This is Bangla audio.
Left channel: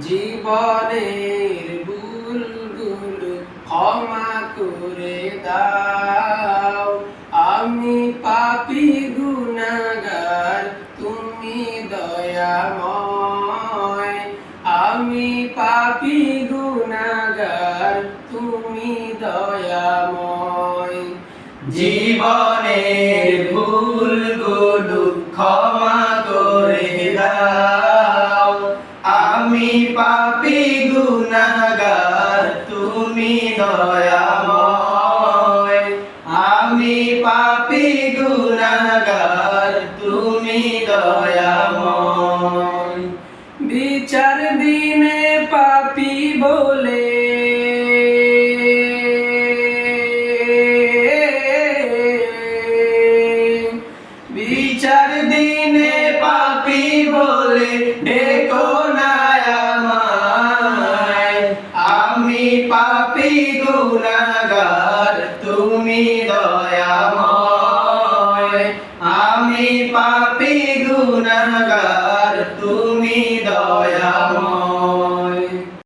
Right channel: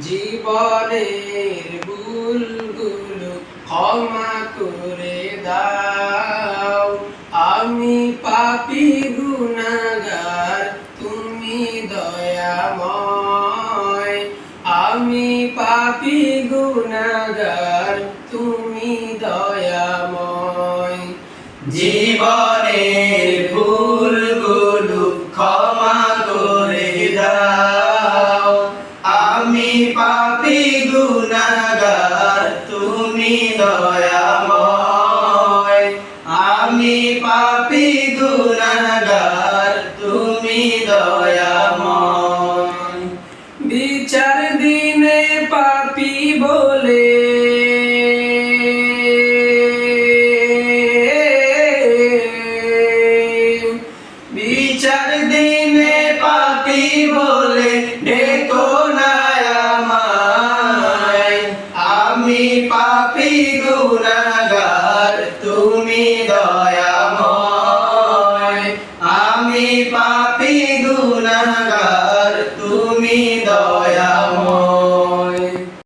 জীবনের ভুলগুলো ক্ষমা করে দাও। আমি পাপী গুনাহগার, তুমি দয়াময়। আমি পাপী গুনাহগার, তুমি দয়াময়। জীবনের ভুলগুলো ক্ষমা করে দাও। আমি পাপী গুনাহগার, তুমি দয়াময়। আমি পাপী গুনাহগার, তুমি দয়াময়। বিচার দিনে পাপী বলে বিচার দিনে পাপী বলে ডেকো না আমায়। আমি পাপী গুনাহগার, তুমি দয়াময়।